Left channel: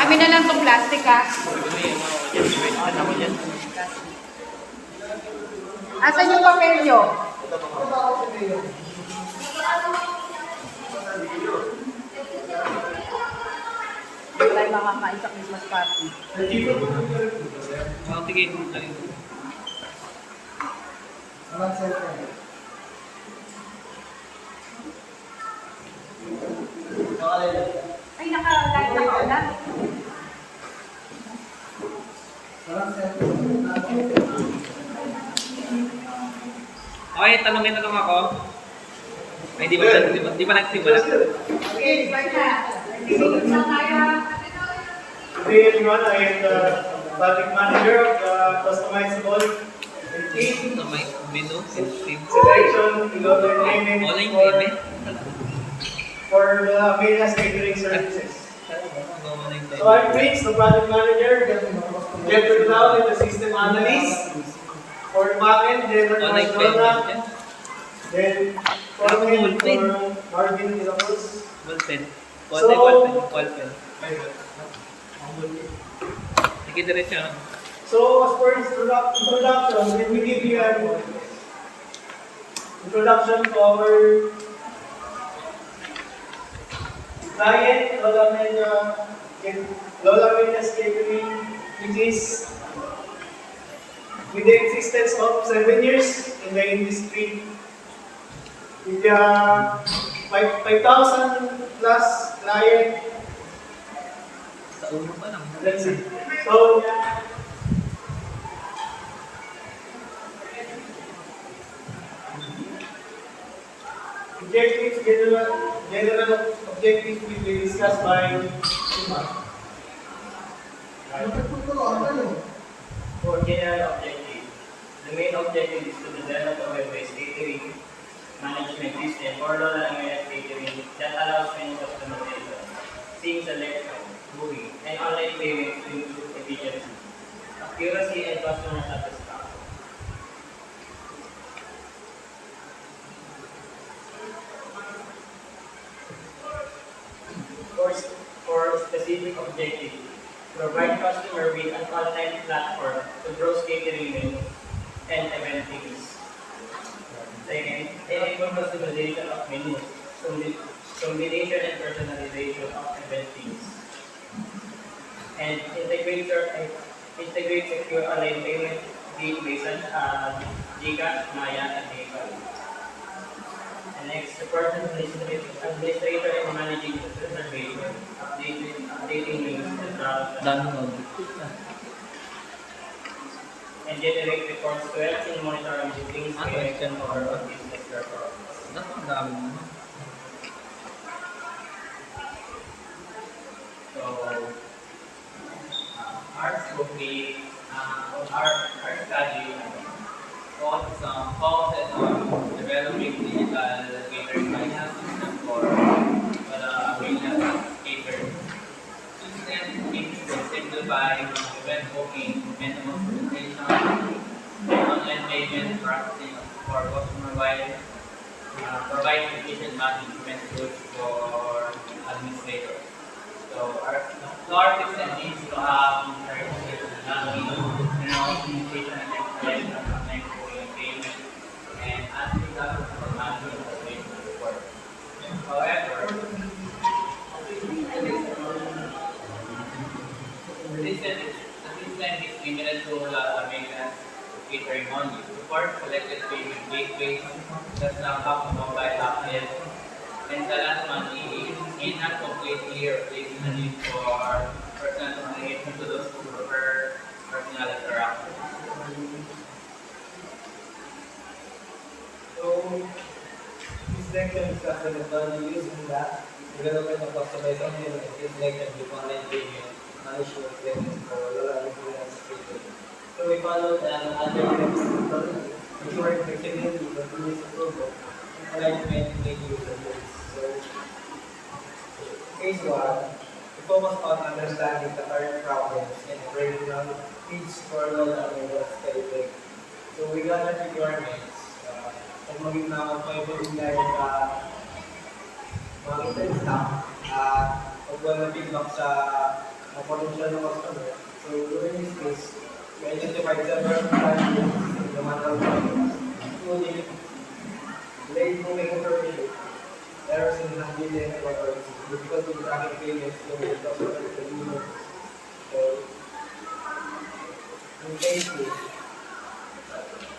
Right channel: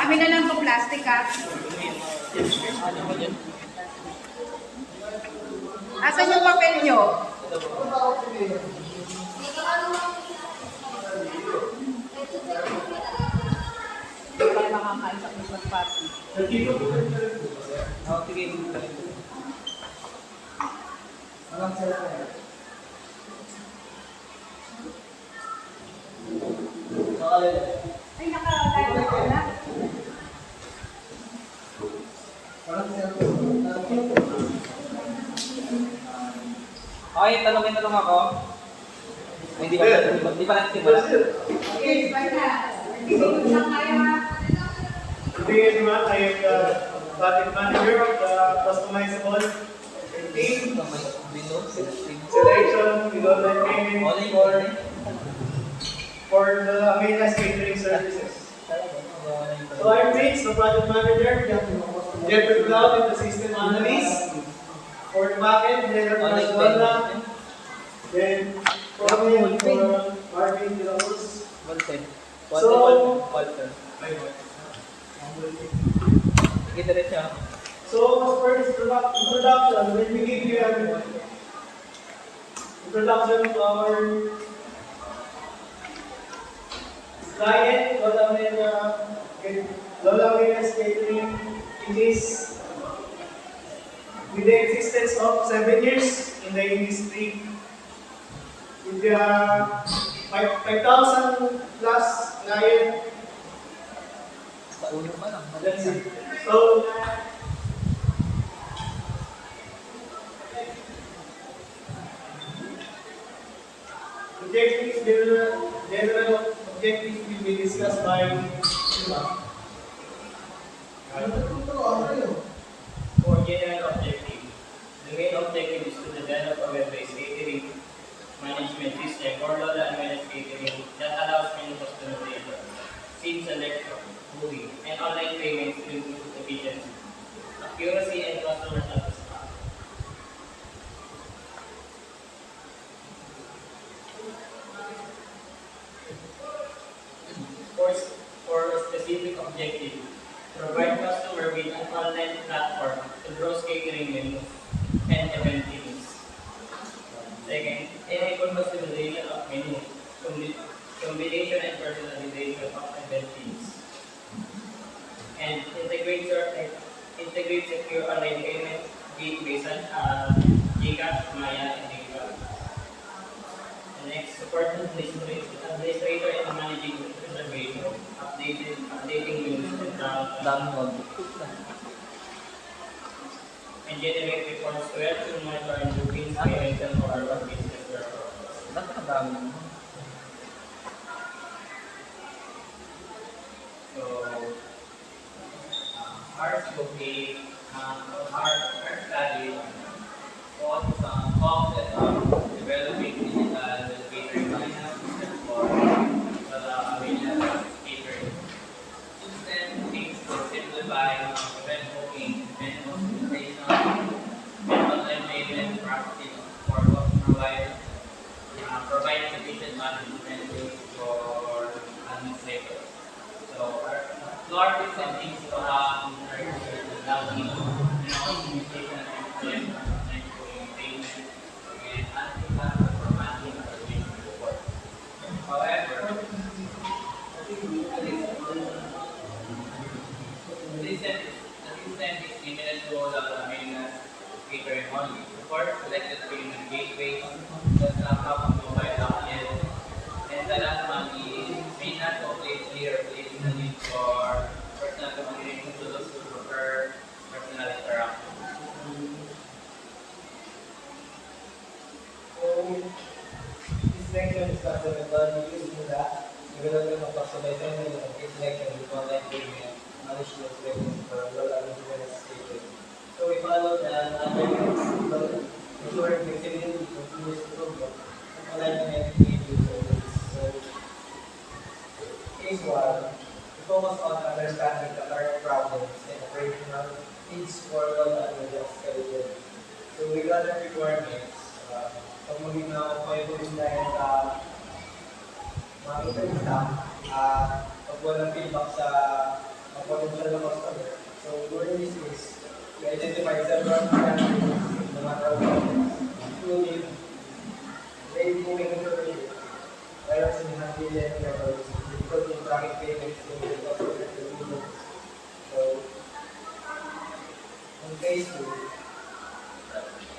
Amin na lang itong plastic ha. Asan yung papel nyo? Wala yung makakain sa Christmas party. Tigil. Ay, nakalala ka na. Okay, tanongin na lang ako. Ay, di ba nagsimula? Okay, bye na. Nagtitigil na tayo. Good day everyone, I am the project manager of the customizable team Ito may menu, team. selection, development training Online payment. for the Amenas catering services. Online So I'm Prince, the project manager, Jeffrey Cloud, the system analyst. For the backend, then Online Barcelona, payment. then Corbin for Marvin de la Cruz. Ballpen. So- Ballpen. Sige, diretso. So as for introduction, let me give you an introduction to our client, Lola Menas Catering, which is with the existence of 7 years in the industry, with 5,000 plus client. Sa ulo pa lang. That's it. So, general objectives will be discussed by Sima. For general objective, the main objective is to develop a web-based catering management system for Lola Amenas Catering that allows menu customization, scene selection, booking, and online payments to improve efficiency, accuracy, and customer satisfaction. For specific objective, provide customer with an online platform to browse catering menus and event themes. Second, enable customization of menus, combination and personalization of event themes. And integrate secure online payment gateways such as GCash, Maya, and PayPal. And next, support administrator in managing the reservation, updating menus and product, Dami mo. and generate reports to help in monitoring bookings, payments, and overall business performance. Napakadami mo. So, ours will be, our study focuses on developing digital catering management system for the Amenas catering. System aims to simplify event booking, menu customization, online payment processing for customer while provide efficient management tools for administrators. So our system needs to have communication and collection of online booking payment and anti-customer for management information support. However, the system is limited to Amenas catering only. Support selected payment gateways, does not have a mobile app yet, and the last one is may not completely replace the need for personal communication to those who prefer personal interaction. So, this section discusses the value using that development of customized online and selection with online payment management systems for Lola Amenas Catering. So we follow the other principle, ensuring flexibility, continuous improvement, and alignment with user needs. So, phase 1, we focus on understanding the current problems and operational needs for Lola Amenas Catering. So we got the requirements. Pag maging na ako pa yung dahil sa mga internet staff, pag walang feedback sa potential na customer. So during this case, we identified several challenges in the manual process, including late moving information, errors in handling records, difficulty in tracking payments, limited customer convenience. So, in phase 2,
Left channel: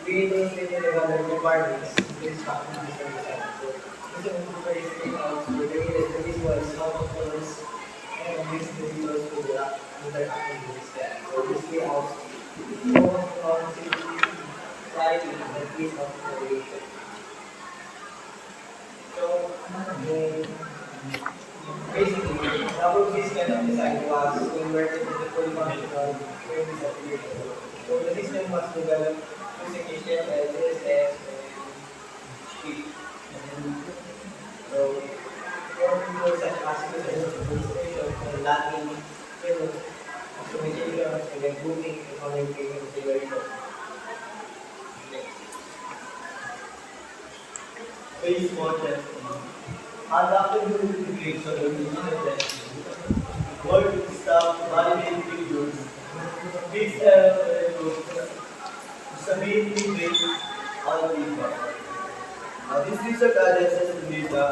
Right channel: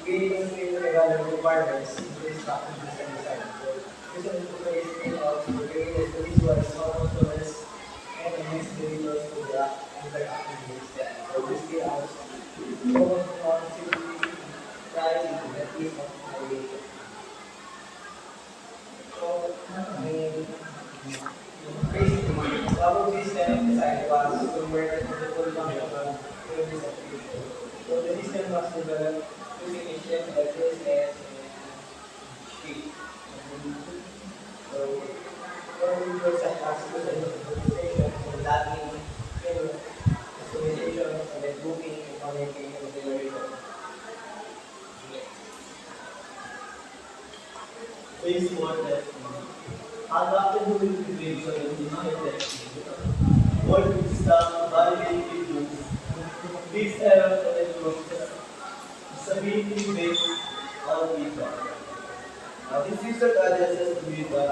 we illustrated the other requirements in this package system design. So, this is incorporating out to create the visuals how customers and mix the visuals to the interactive with the system. So, this layout focus on simply writing the piece of variation. So, basically, our system of design was converted into full functional service application. So the system was developed using HTML, CSS, and Script. So, for features such as illustration and Latin, customization, and then grouping and connecting configuration. Phase 4 testing. Adaptability integration and design testing. Work with staff to validate features. Fix errors and improve stability based on feedback. This research addresses data,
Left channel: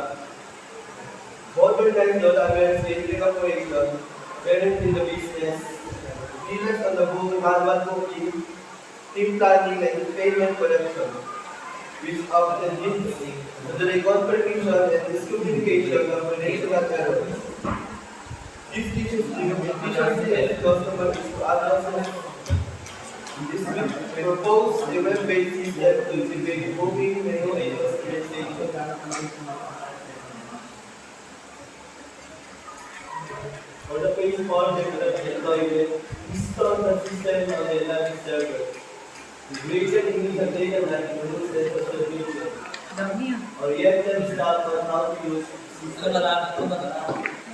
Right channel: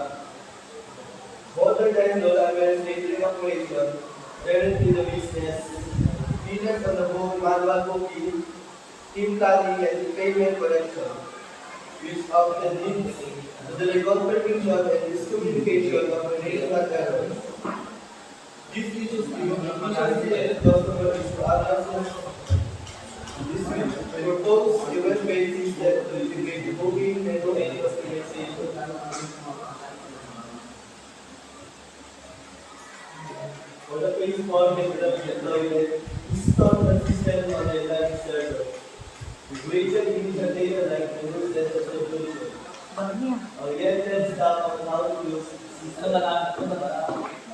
modern awareness in operation, parent in the business, dealers on the board, manual booking, team planning, and payment collection, which often leads to the confirmation and miscommunication of relational errors. These issues the customer is to address this will propose a web-based system to integrate booking, menu, and customization. For the phase 4 development toilet, install the system on the Atlantic server. Creation initial data like the rules and the solution. Oriented staff on how to use system.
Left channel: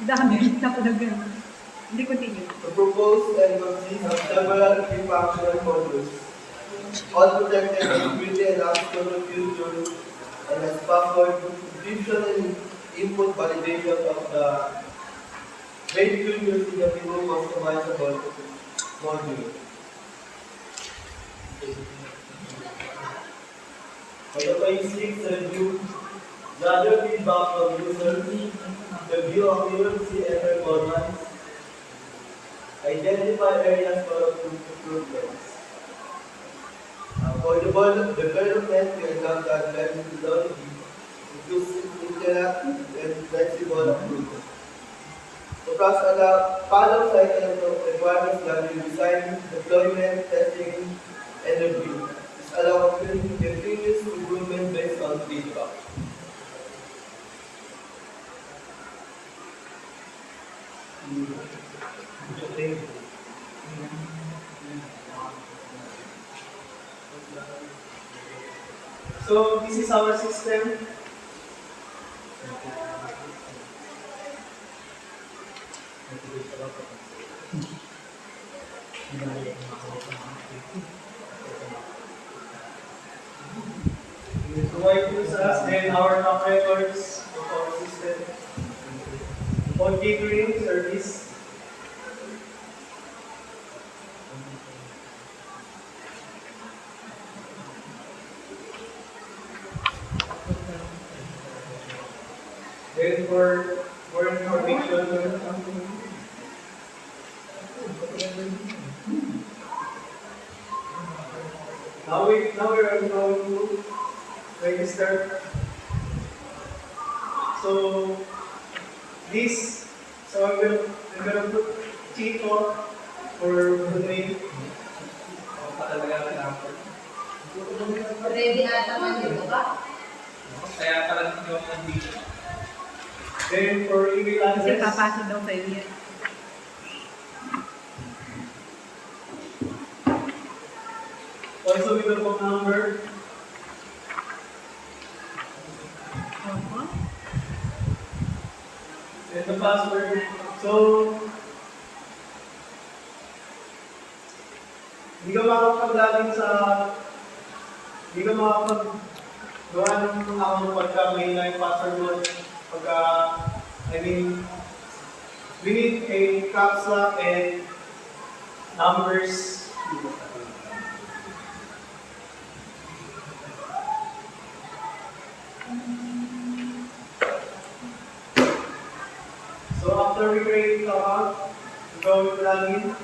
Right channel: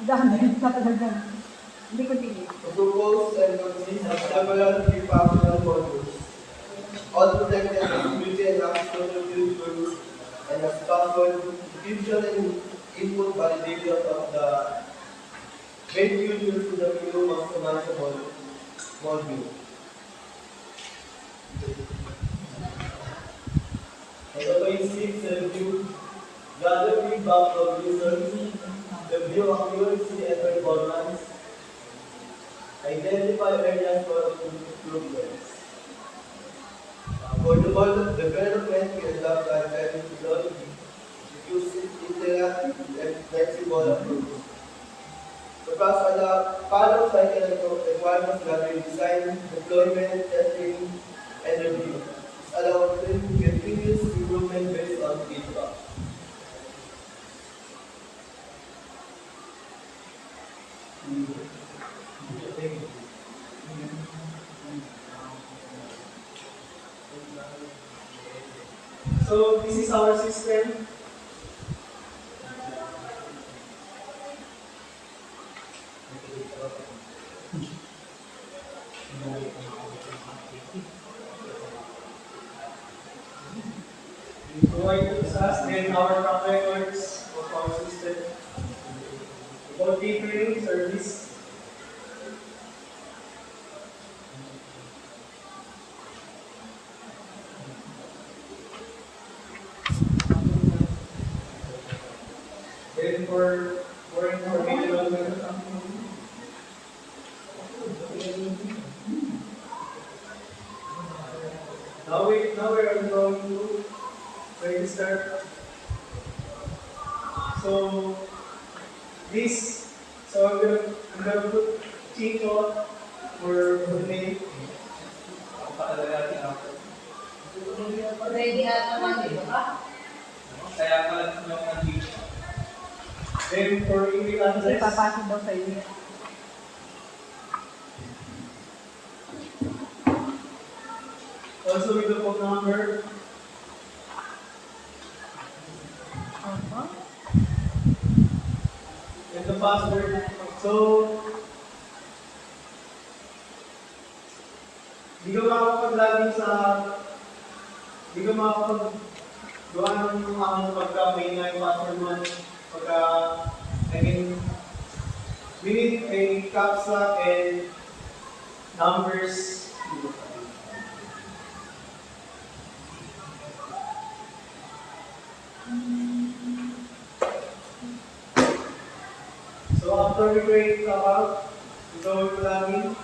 Dami, napadagan. Hindi continue. To propose and consist of several key functional modules, all protected security and access to future, and as password encryption and input validation of the main features in the full customizable module. For the phase 6 review, gather feedback from users, review accuracy and performance, identify areas for improvements. For the development, we adopt advanced methodology, using interactive and flexible approach. The process follows cycle of requirements gathering, design, deployment, testing, and review. This allows continuous improvement based on feedback. So this is our system. We provide tools us and our track records of our system. For catering service. Then for more information, now we are going to register. So I'm gonna put Chico for the name. Ready na naman dito ka? Kaya pala yung nandito. Then for email Kasi address, papasok daw sa iyo yan. also with the phone number. And the password. So, hindi ka makakapag-login sa, hindi ka makakapag-gawa ng account pagka may na yung password mo, pagka, we need a caps lock and numbers. So after we create the account, we go to login.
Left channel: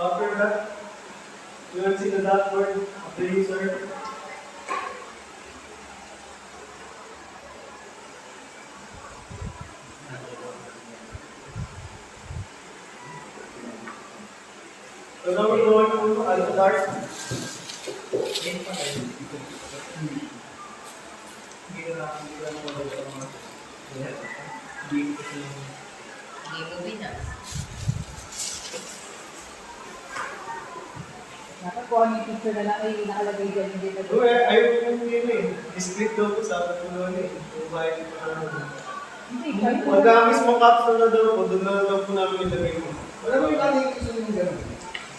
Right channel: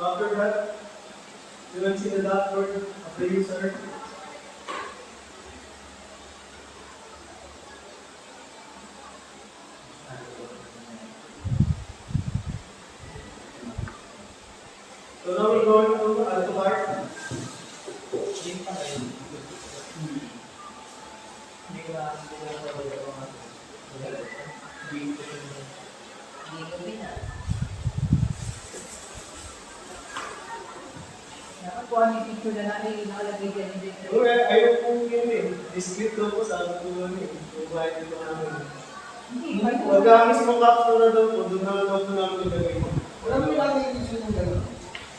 After that, you will see the dashboard of the user. So now we're going to Alphabet. Dapat po ang yung picture na lang ay nakalagay dyan yung dito. Ayaw kong yun eh. Discreet daw po, sabi ko doon eh. Provide ko namin. Hindi, kahit po. Pagka mismo capsule na daw po, doon na daw po namin ilagay mo. Wala mo yung lagi yung yung gano'n.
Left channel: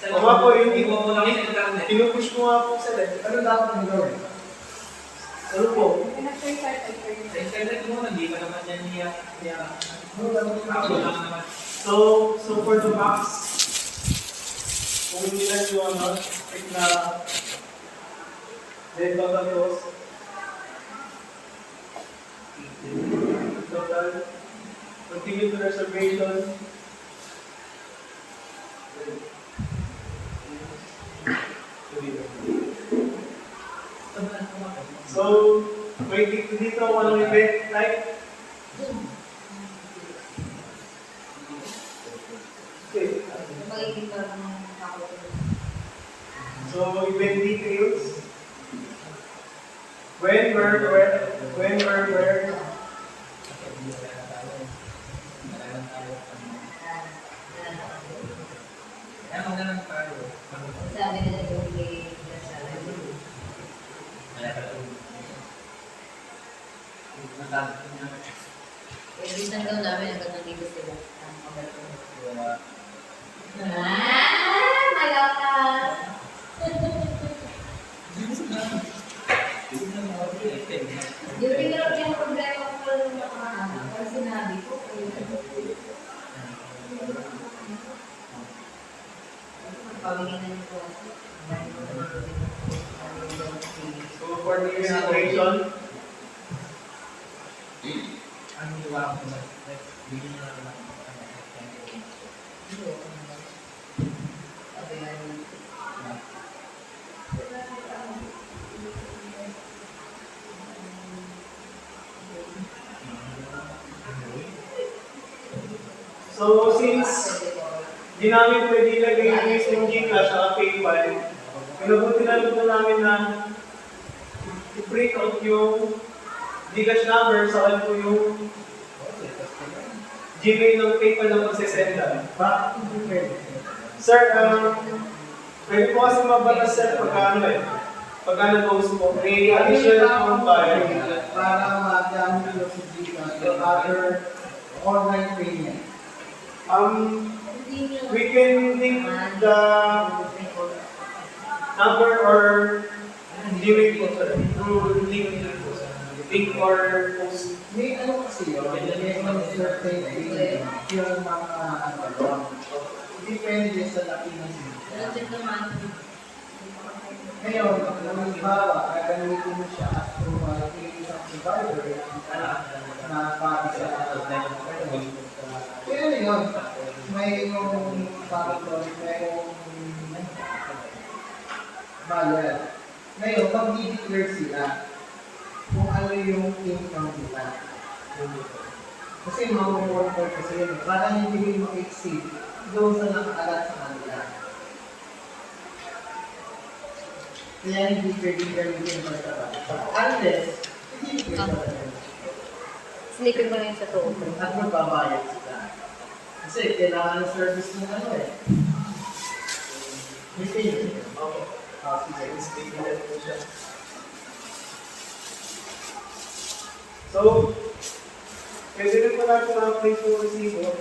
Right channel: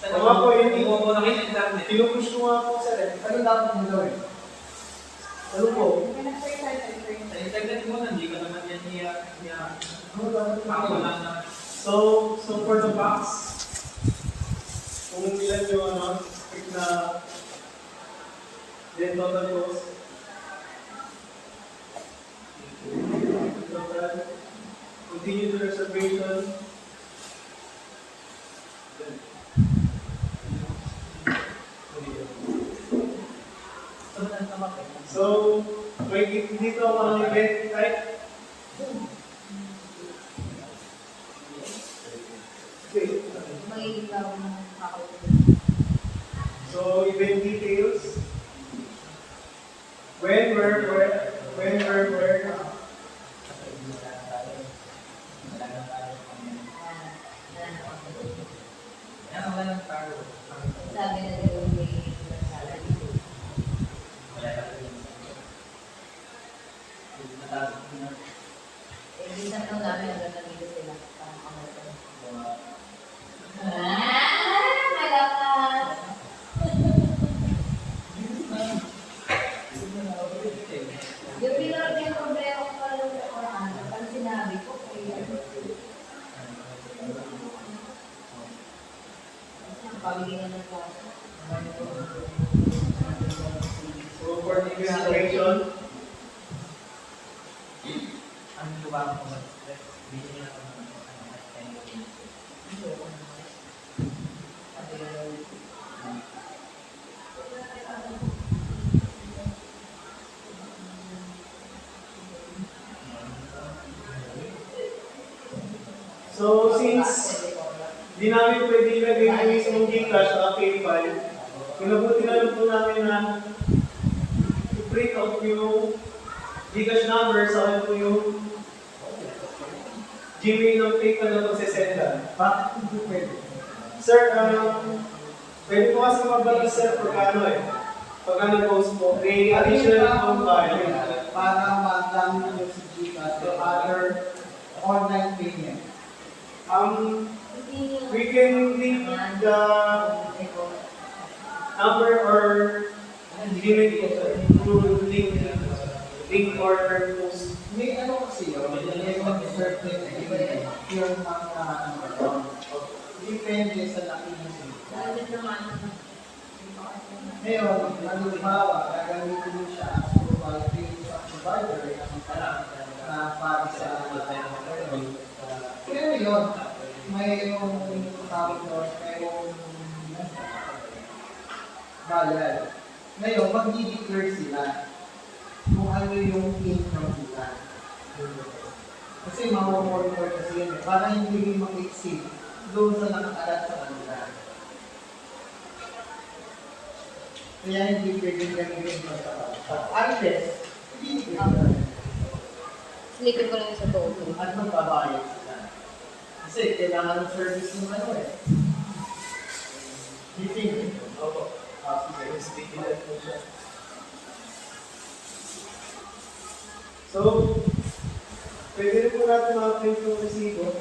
Oo nga po, hindi Iwan mo na kasi yung gamit. pinupush ko nga po sa left. Ano dapat mo gawin? Ano po? Pinag-try tayo tayo. Sa internet mo, hindi ka naman yan niya. Ano dapat mo Ako gawin? lang naman. So for the box, kung nila yung ano, pick na then total cost. Total. Continue to reservation. So, may dito ako ng event type. Okay. Magiging lang ako. So, event details. When, where. Yan, ang ganun tayo. Sabi na nagawin kay Bilisan daw namin hanggang nandito sila. Malakas! Yung problema ko pala yung nakaraan. Pag sinabi ko, pabigyan na niyo po. So, for the registration, Ang iwa ko ba? Bilhin nyo lang ako ng so since di namin pwede ilagay yung mismong Gcash sa PayPal, pinabuti na lang po namin na i-print out yung Gcash number sa akin po yung Gmail ng PayPal na pagsisendan. Bakit hindi pwede? Sir, pwede po kasi mabalas sir pagka ano eh. Pagka nag-host po, may additional po tayo. Para madami nyo sa Gcash or other online payment. We can link the number or Gmail po sir. Through link or post. May ano kasi yun, may mga certain payment, yung mga ano doon. Depende sa laki ng Gcash. Ngayon, halimbawa, gagamitin mo siya as pay sa provider na para sa kaya ano yun, mayroong tawag doon, mayroong bayad. Ngayon, mag-declare sila kung ano yung income nila. Kasi mamamonitor kasi yun, para hindi mag-exceed doon sa nakakalat sa kanila. Kaya hindi pwedeng gamitin basta unless, hindi pwede. Sneaker ko na yun sa loob. At magbabayad sila. Kasi kailangan ng service ng ano eh. Meeting. Opo. Sige, sticky na po siya. So, Pwede rin po natin ma-update yung resibo.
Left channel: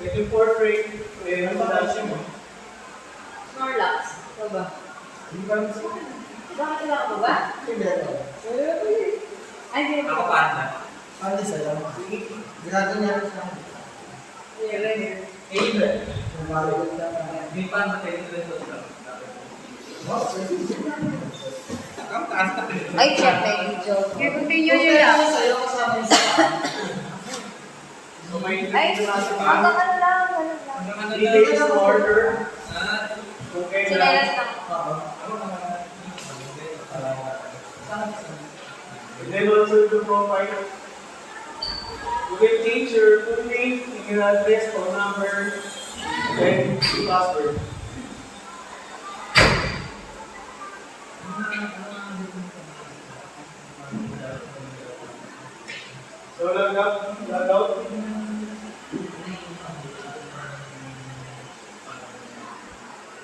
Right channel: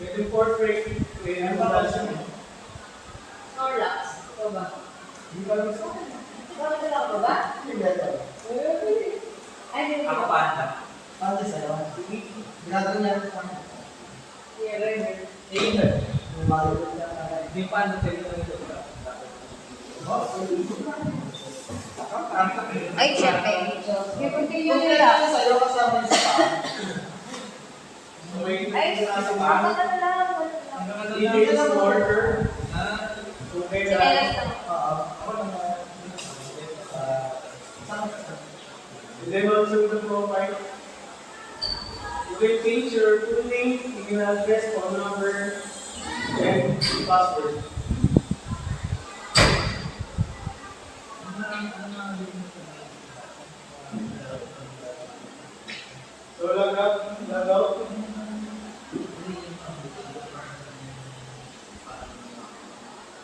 With yung portrait, may handaan mo. Snorlax. Ito ba? Hindi pa gusto. Bakit wala ka ba? Hindi ito. Ay, hindi Ako ko. panda. Pati sa'yo. Ginagawa niya rin sa akin. Here. Eh, Nabalik na di panda tayo na rin ito. Ang kanta. Ay, check na yung joke. Okay, continue nyo lang. Sa'yo kasama yung sa So, may Ay, nasa pa. hanggang ano lang, ano lang. Hanggang ano Details lang. of order. Ah, Kung kailan. Sinelas lang. Oo. And then also the profile. You will change your full name, email address, phone number, and password. So log out.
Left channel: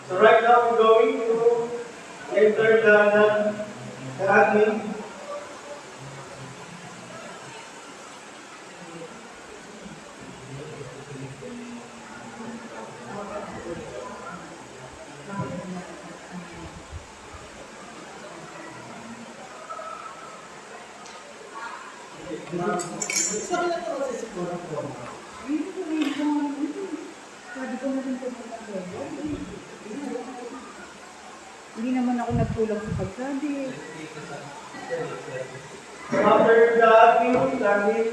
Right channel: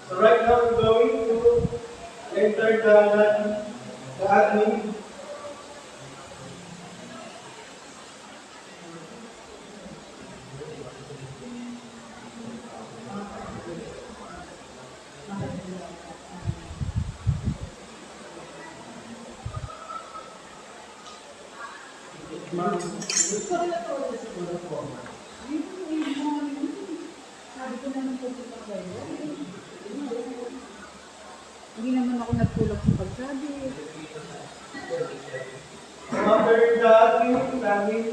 So right now we're going to enter the admin. Hindi naman ako nagtulog sa pagsabi. So after the admin, login.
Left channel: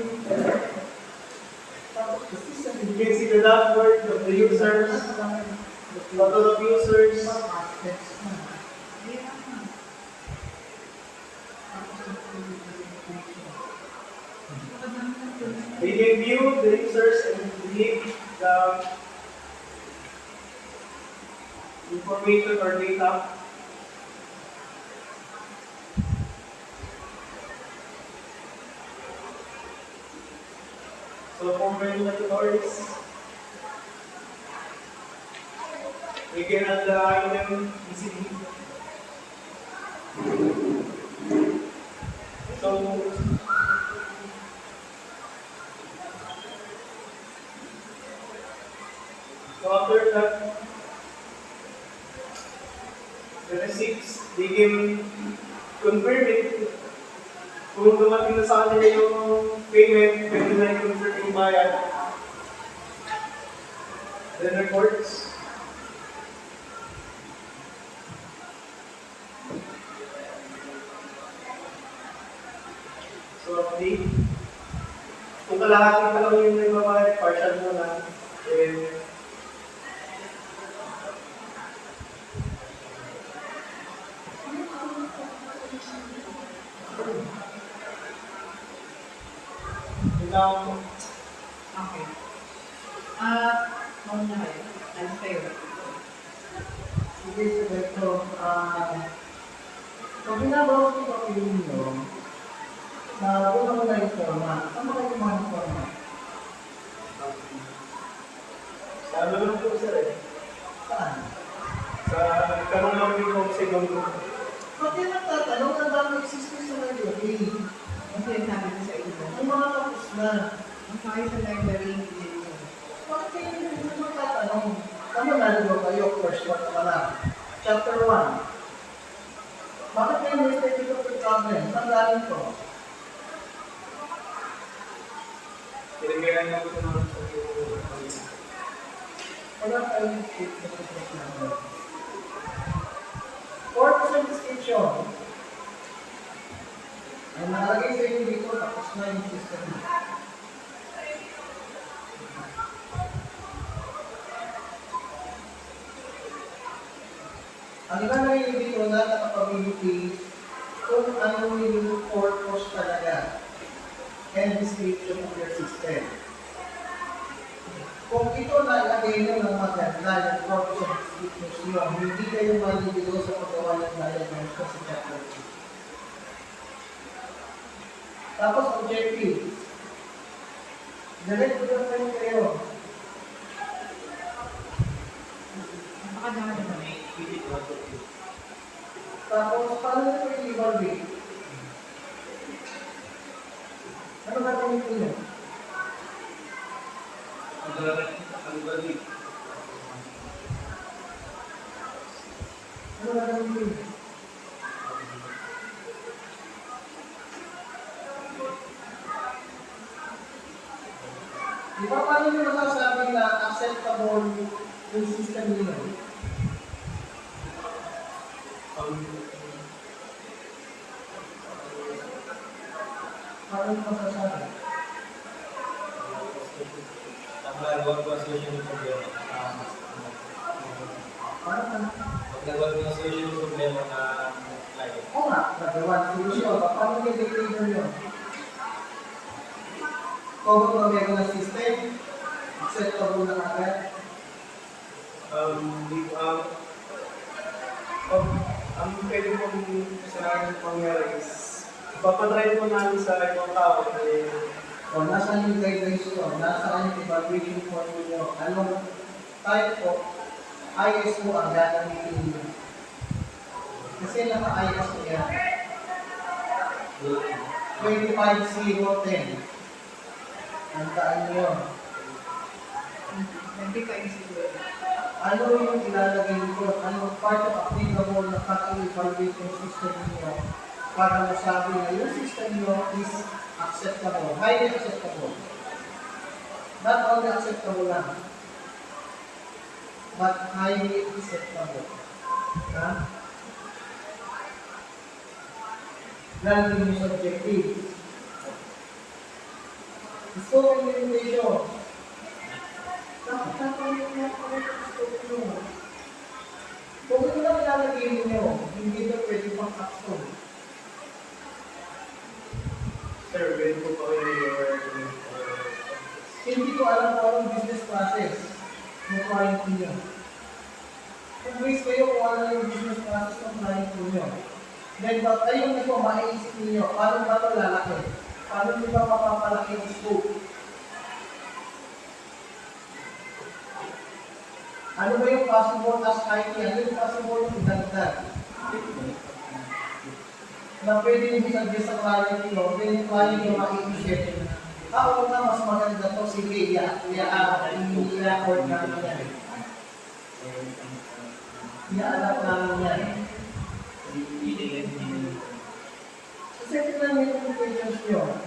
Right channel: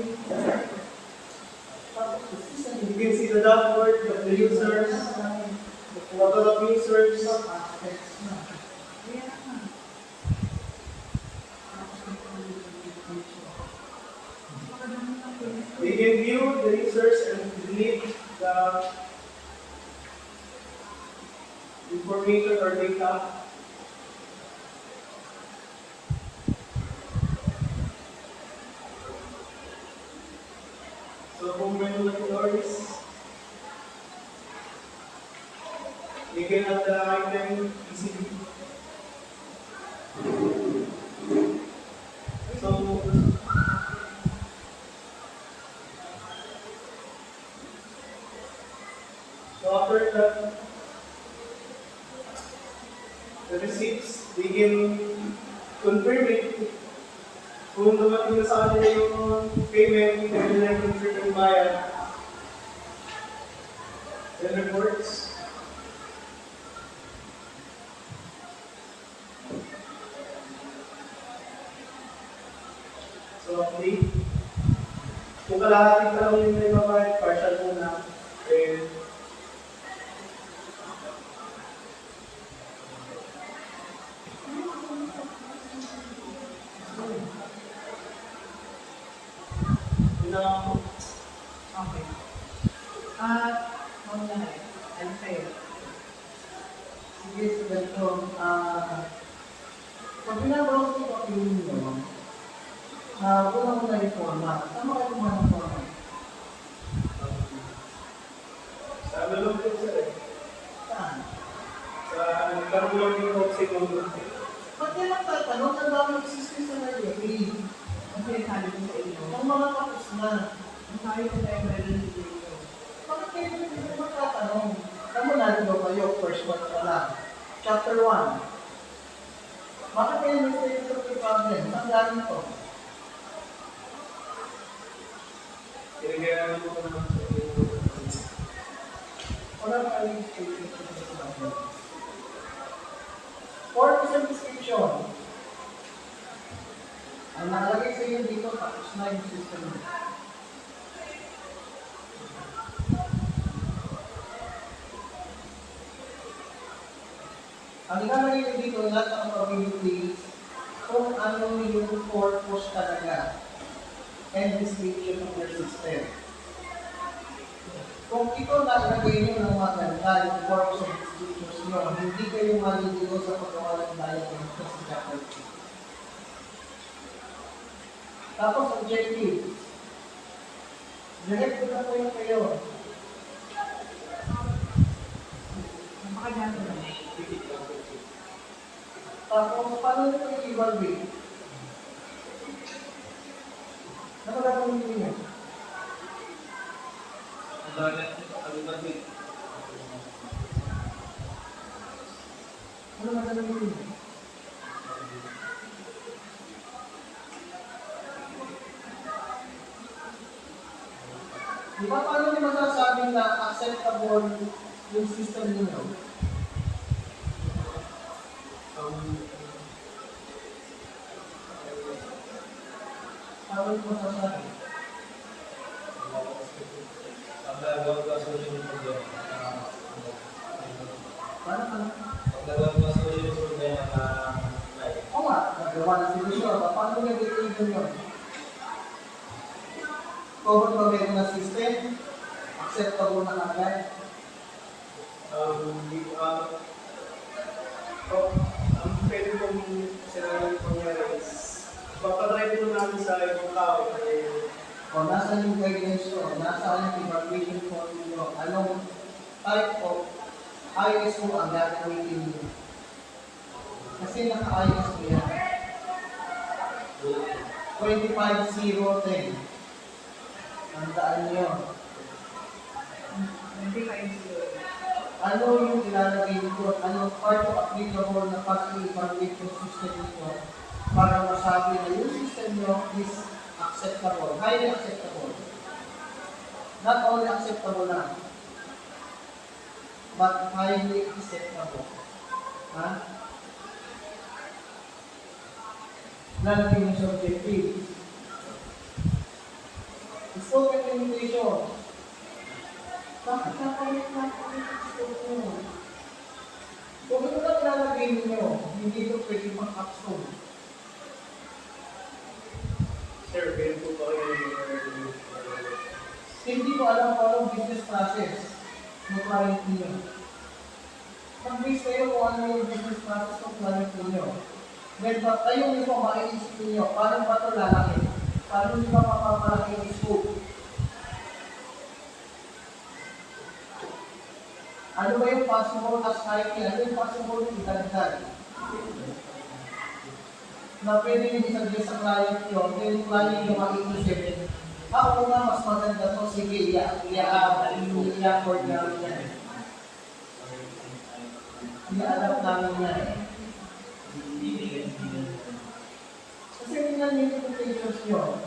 You can see the dashboard of the users, total of users. We can view the users and delete the information or data. So for regulatories, we can add the item easily. So after that, the receipts, they can confirm it. Kung dumating na sa kanila yung payment, pwede na i-confirm yung bayad. Then reports. So update. Kung kalahati pa lang yung naibabayad, partial muna. Then now, Okay. Mauna kayo. Ano kayo? Sige, so ganito. Pag binabawas ko ang film nyo, una mo na yung format. Saan mo kayo kumuha ng format? sa ano lang po sir eh. Saan? Sa nagkaroon lang yung Oxygen group. Ba't yan ang tatanong? Ang dami existing sa library. Ang sinasabi ko sa inyo. Ang mga tapos na. Ang tayo sa library hindi nyo. Bakit kayo hindi mo magtatanong? Tama na, di ba kayo? First one pa lang. Chapter 1. Bakit kayo may statement of the problem? Saan galing to? Tinagayan lang po naman sa Wala kayo yung statement of the problem. Purpose and description. Ang nakalagay sa inyo dito, tapos na yung system. Ang ilalagay nyo dito, lahat ng capabilities, kung ano yung purpose talaga and description of your system. Kung ito na ilagay nyo ng maganda, yung purpose and description nyo, hindi kayo maliligo sa paggawa ng diagrams sa chapter 2. Tapos objective. Direct ko na kayo. mag-evaluate? Ano gagawin niyo? Ang dami ang gabi. Ano gagawin niyo? Di ba paano niyo masasabing na acceptable yung system niyo? Paano niyo masasabi? Ang nagawa ko solution yung problema. Paano ka? Pag nagawa ko solution yung problema na client. Oo nga, nagawa ng solusyon. Paano niyo dictate yun? Kung meron na system, acceptable na agad. Ang pwede kong kasalanan pangyari is papatry ko namin sa ibang tao O, nasaan yung guidelines nyo? Nasaan yung evaluation form nyo? Anong type of ISO ang gagamitin nyo? Kasi naka-ISO yan. 25-0-10. Tandaan nyo yun. 25 siguro. Ano yung ilalagay nito? Ano part of applicable na pag-evaluate yung system niyo para masabi na yung system niyo is acceptable, highly acceptable. Not only acceptable lang, but highly acceptable. Ha? Lalagay yung subjective. Scope and limitation. Bakit napalit ang scope nyo? Kung ito lang ilalagay ninyo, hindi ito pwede pang action. Sir, pwede po ba kayo Hindi ko alam kung anong business process ng client niyo. Mag-base kayo kung ano yung business process ng client niyo. Then, kayo mismo maiisip niyo, paano ba ito lalaki? Paano niyo ba mapapalaki yung scope? Ano ba yung possible as IT? Ano yung possible yung idagdag? Na pwede nyo suggest sa client nyo, then yung client nyo maiisip, oo nga, mas maganda to, sige, i-accord namin yan. I-adapt namin yan. Kasi tingnan nyo yung limitations nyo.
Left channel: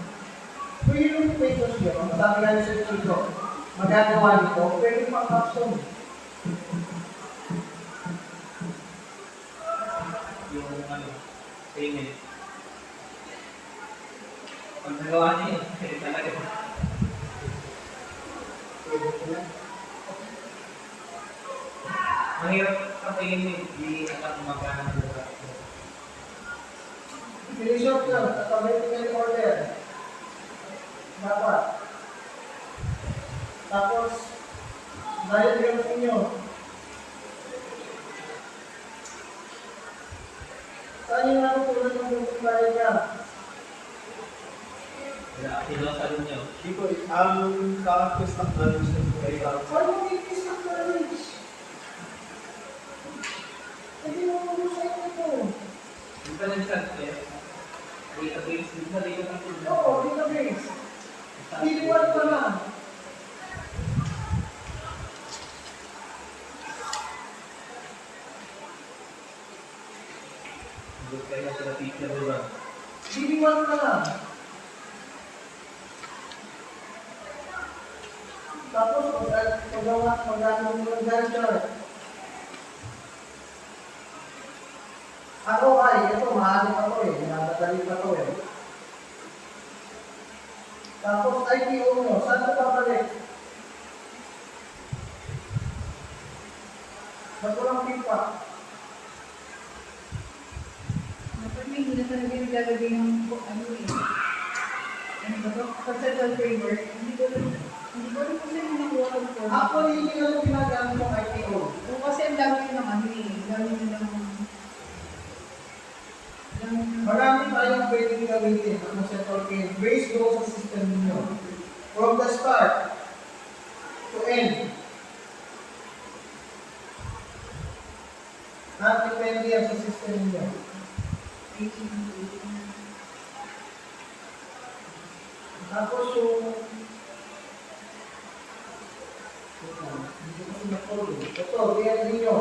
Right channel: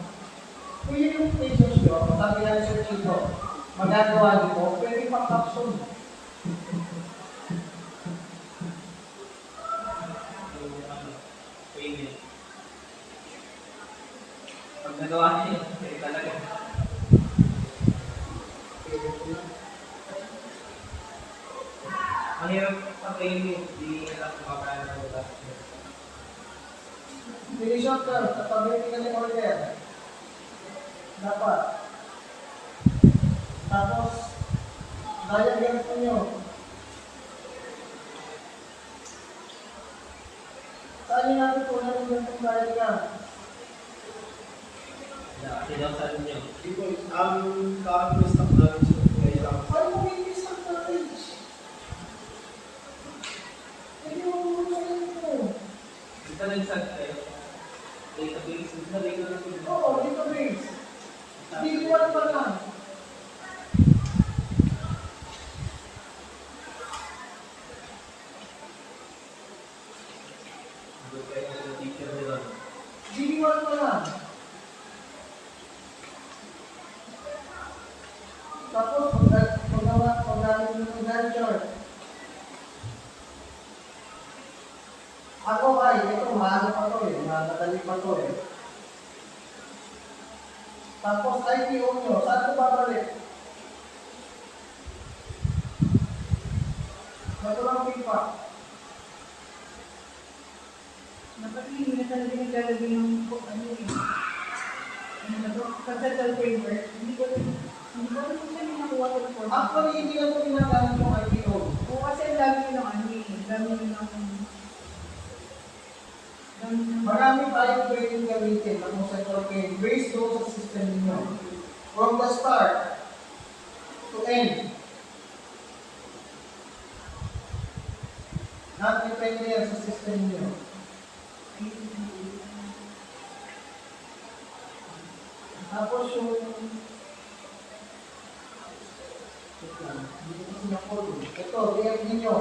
Kung yung limitations nyo, sabi nga ni Sir Chico, magagawa nito, pwede pang action. Yung ano, payment. Pag nagawa niya yun, kasi talaga. Mahirap sa payment, hindi alam kung magkano na ba. Finish up na, tatabay tingnan yung order. Dapat. Tapos, diagrams ninyo. Saan yung natutunan yung ganitong diagram? Sinasabi niyo. Hindi po, sa akin po stock knowledge na po kayo lang. Saan yung itis ng knowledge? Hindi mo muna sa inyo po. Hindi pa nag-start kayo. Database, hindi na database. Oo, database. Diliwan pa lang. Doon kayo sa teacher nila. Diliwan pa lang. Tapos, paggamit nyo ng Gantt chart. Ako ay, ito, maano pa to eh, madadali pa to eh. Tapos, IPO nyo, saan ko babalik? Ba't walang pipa? Dapat may hindi na talaga naglalagay ng ano eh. Ano ba ito? Conceptual framework. Hindi ko rin kung saan yung nakuha ko for. Actually, hindi na ito ginagamit yung IPO. O kasi ang dami ng ano eh. Ang dami ng Marami tayong pwedeng gamitin ng conceptual game based doon sa system ninyo. From the start to end. Not depende yan sa system ninyo. Tapos yung hindi ko kasi na-follow. Ito, react ninyo.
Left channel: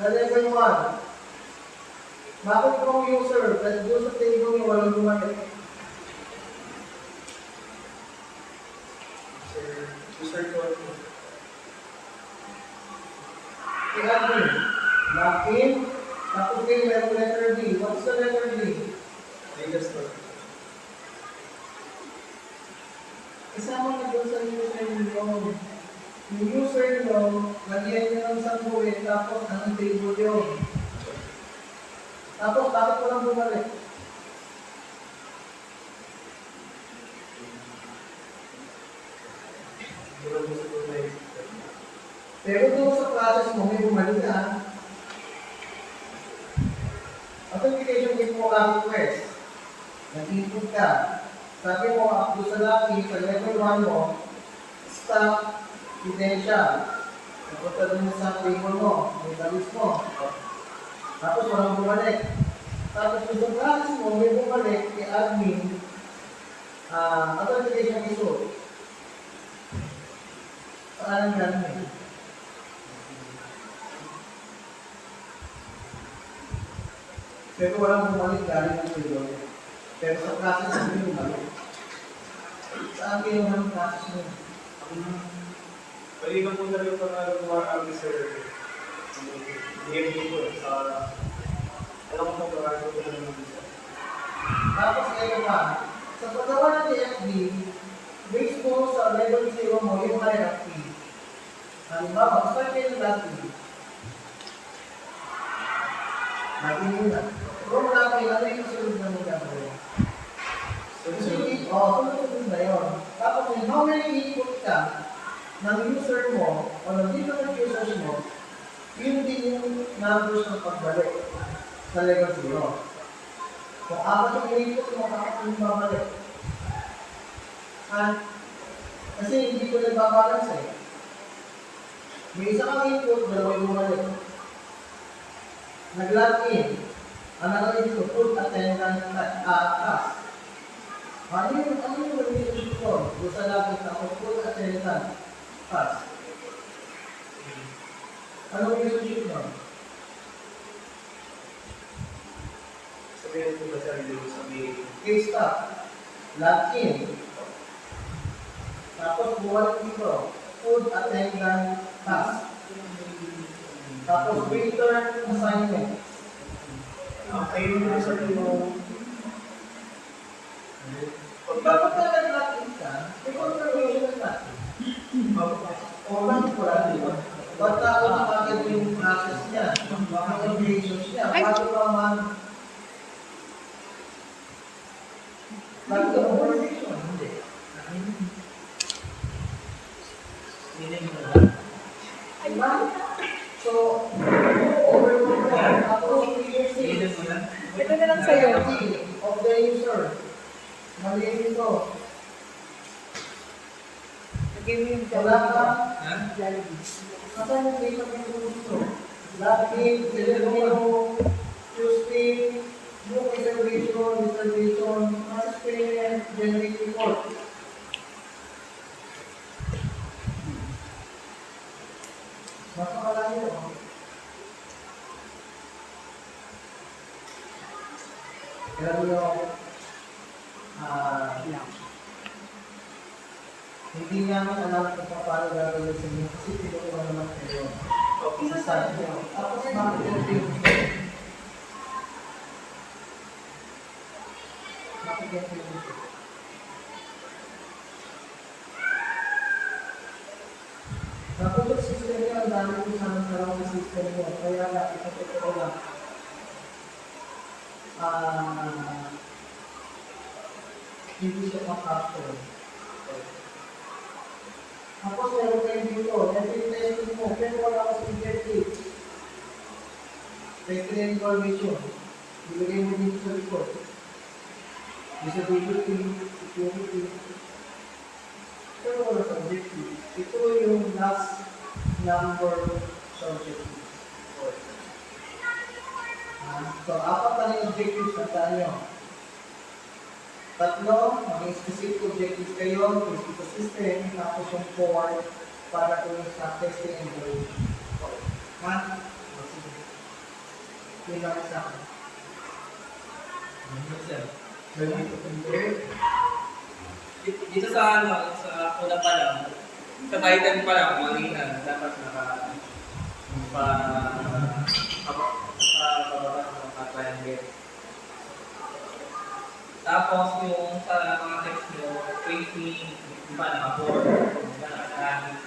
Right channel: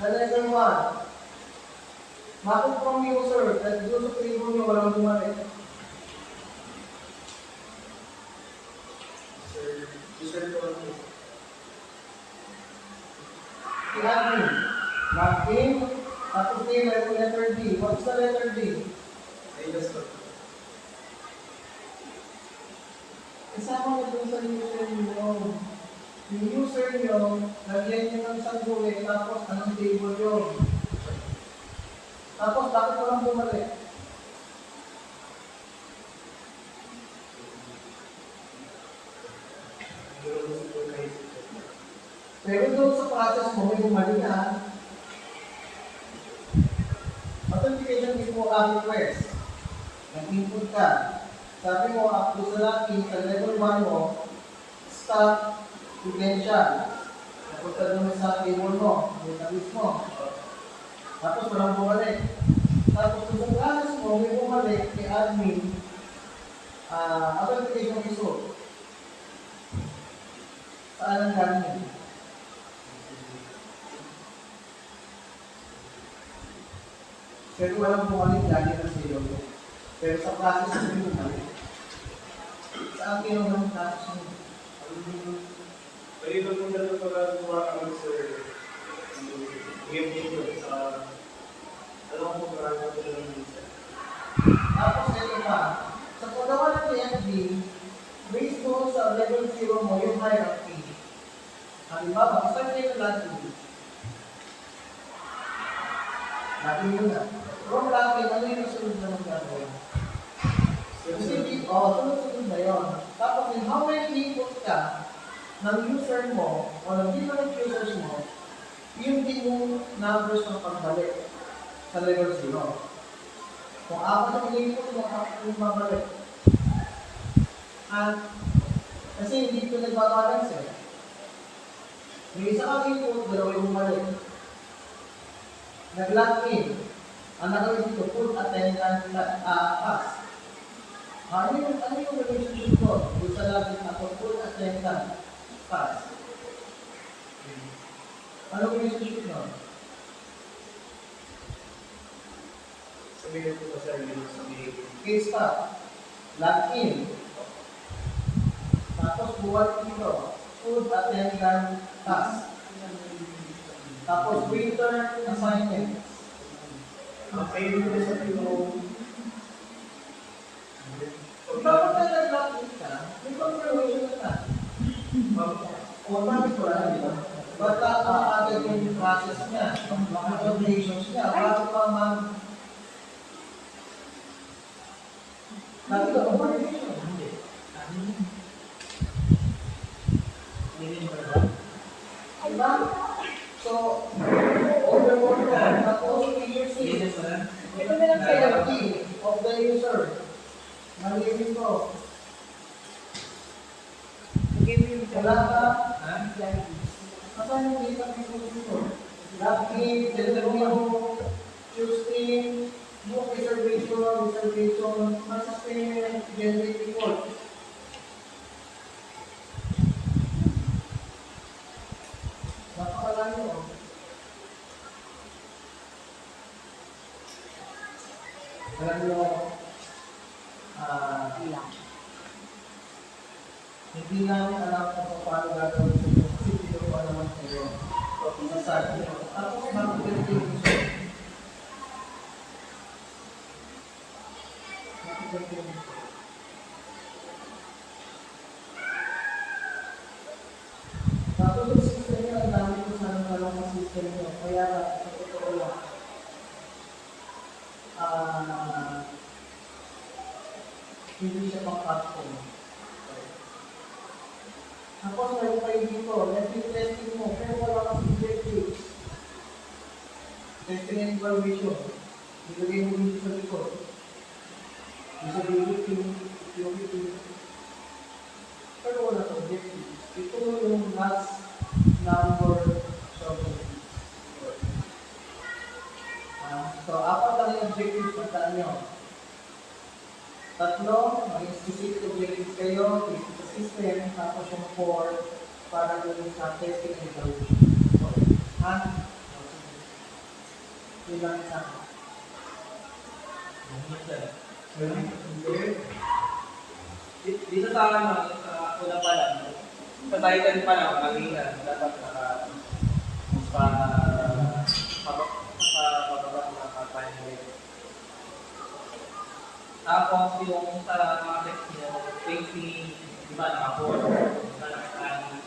Na level 1. Bakit po ang user at doon sa table nyo walang gumamit? User code. I-admin. Login. Tapos kayo meron letter D. What's the letter D? Data store. Isama na doon sa user nyo. Yung user nyo, lagyan nyo ng sanduin, tapos anong table yun? Tapos, bakit walang bumalik? Pero doon sa process mo, may bumalik na. Authentication is mo ang request. Nag-input ka. Sabi mo, up to sa laki, sa level 1 mo, stop credential. Napunta doon sa table mo, may talis mo. Tapos walang bumalik. Tapos kung sa process mo, may bumalik kay admin, authentication issue. Paalang galing. Pero walang bumalik galing ng video. Pero sa process mo yung bumalik. Saan kinuha ng process mo? Pwede ka punta rin pag gumawa sir. DMD ko sa... Alam ko kung parang ko ito naman sir. Tapos ito pa, sa paggawa ng DFD, based mo sa level 0 mo yung hierarchy. Halimbawa, start kayo ng login. Login yun na. From login, ano yung kasunod na mong gagawin? Sunod-sunod na yun. Tapos how many input ka ng user mo o ng different users mo, yun din yung numbers ng pagbalik sa level 0. Kung apat ang input mo, apat yung babalik. At kasi hindi ko nagbabalance eh. May isa kang input, dalawa yung bumalik. Nag-log in. Ang nakalagay dito, full attendance task. Ano yung relationship ko? Doon sa login ako, full attendance task. Ano yung relationship mo? Sabihin ko ba sir, hindi ko sabihin. Case stop. Log in. Tapos buwan dito, food attendance task. Tapos return assignment. Kayo nyo sabihin mo, Dapat na nag-log in ka, may confirmation na. O bakit wala, di ba? Wala ko na agad yung process niya, yung obligations niya, bago pa man. Bago ka obligation, hindi. Diba? So, overwork ko, tapos leadership. Ito na lang sa'yo, of the user. Maliit ito. Nag-game yung Wala ka. Ha? Asan yung data mo dito? Login, determine mo, choose team, book reservation, process payment, generate report. Napakalayo. Kaya mo yung hindi namin alam kung paano gagawin sa inyo kasi pinukuha naman kayo. Isasabi nyo. Tapos bakit yung pinguso? Bakit yung pinguso? Tapos yung system nyo, ang dami ko sana talong ng system nyo. Kaya ito ko lang. Hindi siya pang-capture. Tapos meron kayo dito, network testing mo, pero wala ka sa objective. Testing and information. Ilagay mo dito sa likod. Usability, security. Pero wala sa objective. Ito yung last number sa objective. So, apat lang yung objective Tandaan nyo. Tatlo, maging specific objectives kayo, basic assistant, tapos yung 4 para doon sa testing and evaluation. Okay. Ha? Ito lang isa. Dito sa ano, sa una pa lang, sa title pa lang, malinan, dapat pababa ng triangle. Tapos yung sa mga text nyo, facing, iba naka-4, iba naka-10.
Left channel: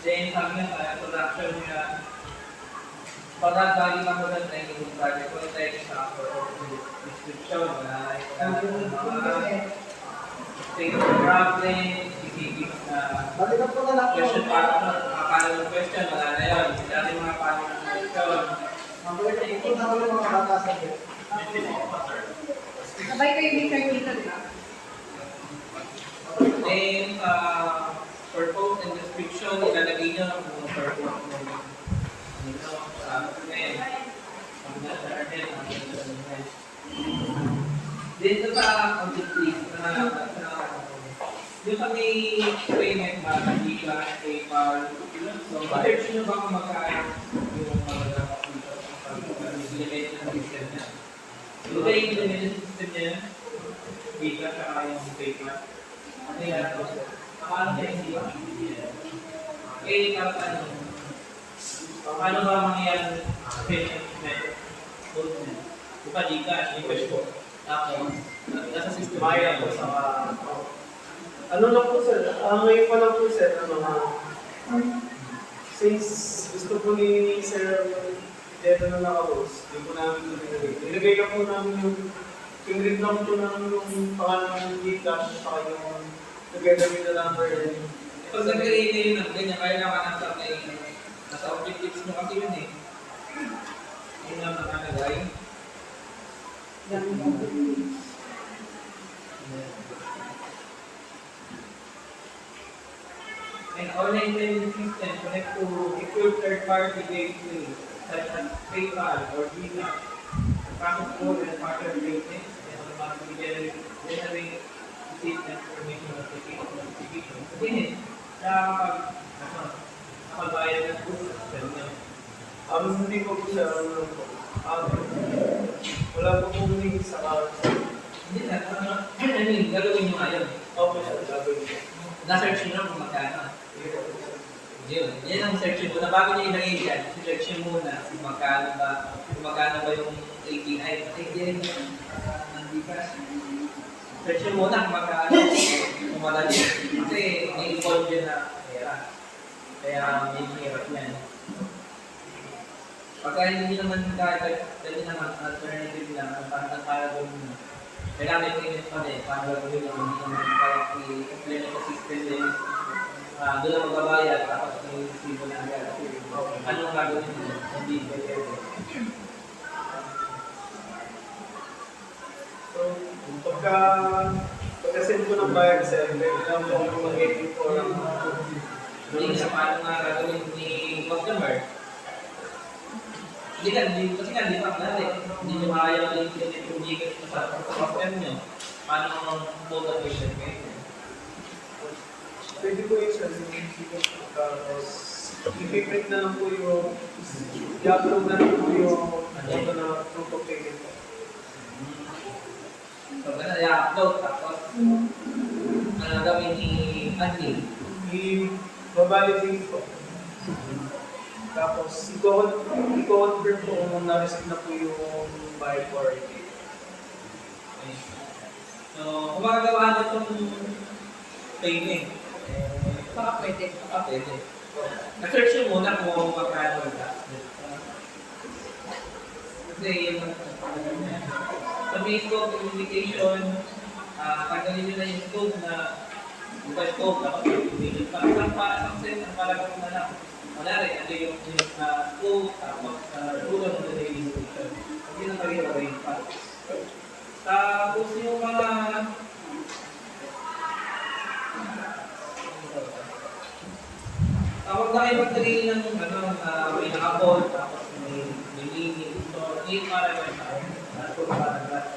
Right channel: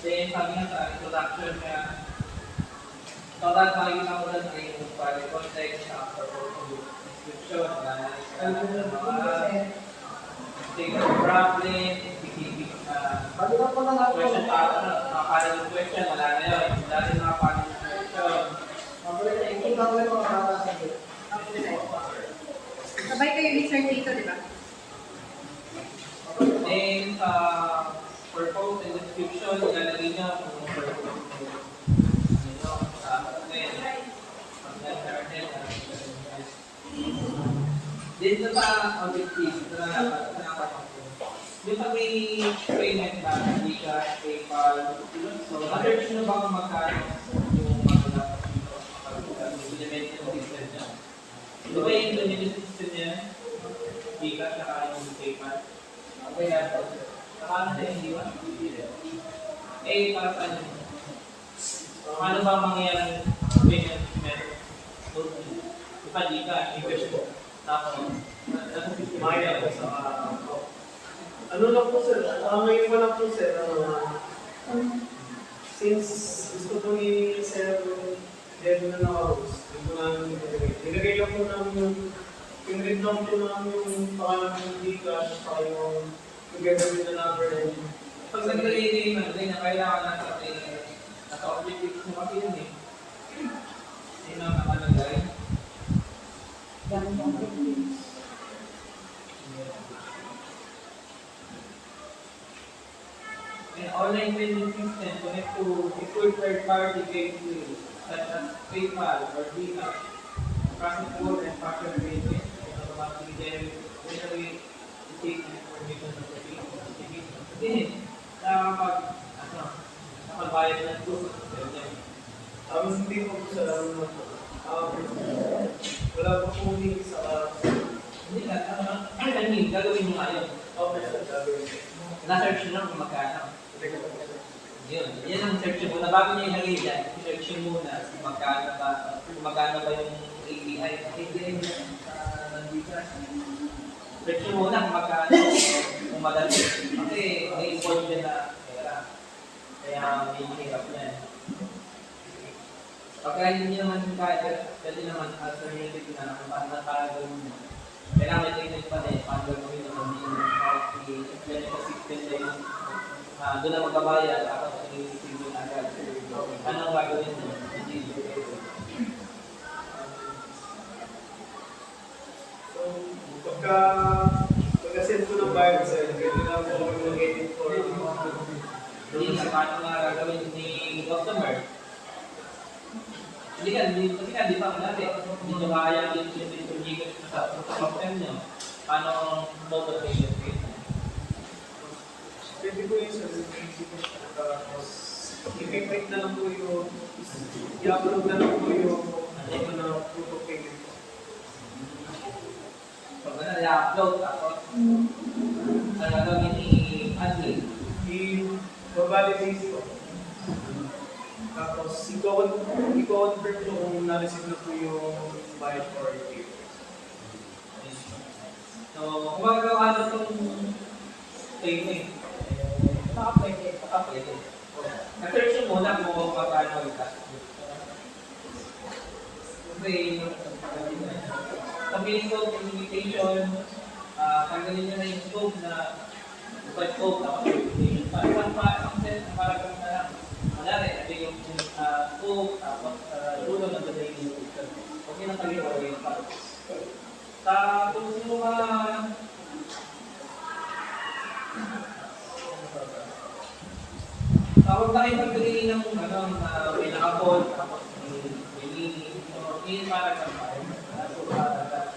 Then sabi nga sa introduction niya, pagdadbagi lang ko doon ay yung private context sa description na mga state of problem, specific Balikan po na lang question po. mga panel question, wala na yun. Dati mga panel question. Ito daw yung mga bata sa bit. Sabay kayo ni Sir dito, di ba? Then, purpose and description, ilalagay nyo kung purpose mo. Dito sa audit list na yung sa may payment ba, Gcash, PayPal, so search nyo ba kung magkano yung mga dapat dito pag implement yung system niya? So ba yung implement system niya, Gcash saka yung PayPal? Kaya ito, paano siya hindi ba? Eh, para sa ano? Paano ba mangyayang payment method? Buka Gcash, Gcash po. Tapos, nasa system. Maya po sa ano lang po sir, ngayon pa lang po sir, since gusto po ni Sir Jedo na naka-host, hindi po namin nilagay. Nilagay lang po namin yung read lang po namin yung pangalan ng Gcash, saka yung together with the number and Pag nag-create ng ganyan, kailangan nasa objectives mo kasi yun eh. Yun lang nakalagay. An online payment system connect to secure third-party gateway such as PayPal or Gcash. Process code and pattern payment and automatically generate receipt and information notification. Kasi nakapagbayad na po sa system niya. hindi po po sir, ano lang po. Wala po po link sa Hindi na, gagawin nyo ngayon. okay sir, gagawin ko. Na-search nyo na kung magkano. Yun, yan ang search muna. Bago nyo ilagay dyan, search nyo muna kung magkano ba yung API. API ng Gcash. Search nyo muna kung magkano, kung madali. Kasi may involved dyan na pera. Kaya may hirap yan. Pagka hindi naman pwede naman alternative na kung paano gawin na. Kailangan may payment pa din, paano gagawin na kung hindi naman i-implement sa system din. Doon na magbabayad, tapos may resibo na agad. Anong gagawin mo? Hindi pwede. So, pagka-send ko ng bayad sir, pwede lang po akong mag-edit for Hindi sa paano nga gagawin ni customer. Kasi nga, di pa natin. Hindi nyo kaya i-implement yung Gcash sa system nyo. Paano local patient kayo? pwede ko yung sir, tapos i-print na lang po yung i-upload na lang po yung auto na proof of payment po. So, ganun, i-upload, tapos gawin ni admin. I-validate po. Tapos, i-confirm po kung na-receive na po yung bayad for it. So, kung magagawa nyo itong payment, Baka pwede. pwede. Na-search nyo muna kung magkano yung tax. Kasi sa may scope, limitation, tanggalin nyo na yung scope na buka scope, tapos limitation pa. Isang set ang paragraph na lang. Manari, ito yung scope, tapos dulo ng the daily limitation. Okay lang kami wala yung parts. Tapos yung mga huwag na kayo magdali ng may naka-call, tapos may meaning. So, yun para lang tayo.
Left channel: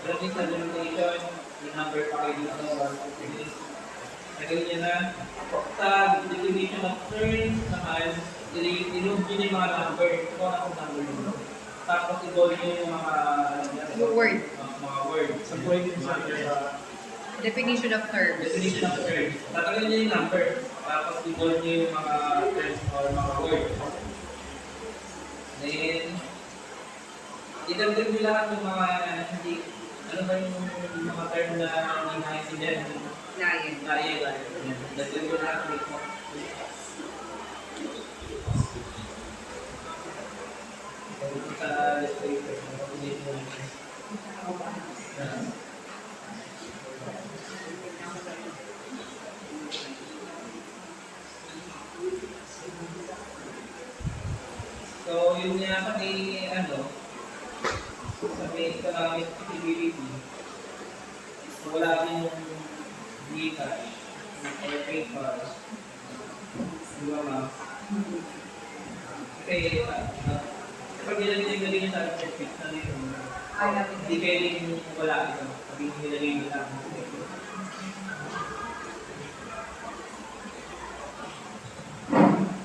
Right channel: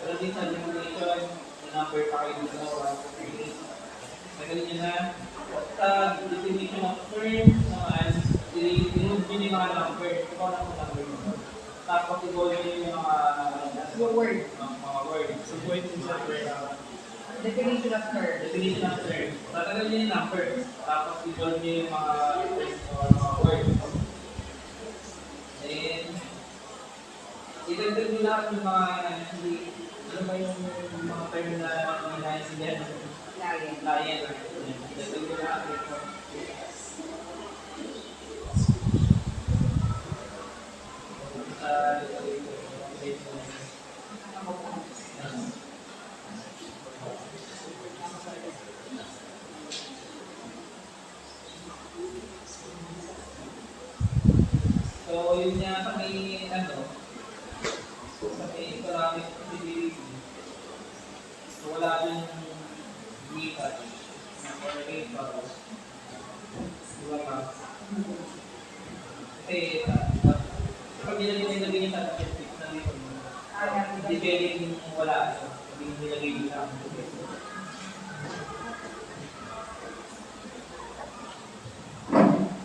Pero din sa denomination, may number pa kayo dito, 1, 2, 3. Nagalin nyo na. Sa definition of terms naman, i-remove nyo yung mga number. Ito ko na kung number nyo. Tapos i-bold nyo yung mga Word. mga words. Sa point din sa Definition of terms. Definition of terms. Tatagal nyo yung number. Tapos i-bold nyo yung mga terms or mga words. Then, idagdag nyo lahat yung mga hindi, ano ba yung mga term na hindi naiintindihan? Lion. Lion. Idagdag nyo lahat dito. Sa legislator, so, yun niya sa may, sa may economic feasibility, so, wala din yung Gcash or PayPal. Di ba ma? Kasi, kapag nilagay niya sa fix na yun, hindi pwedeng wala ito. Sabi nilagay nila.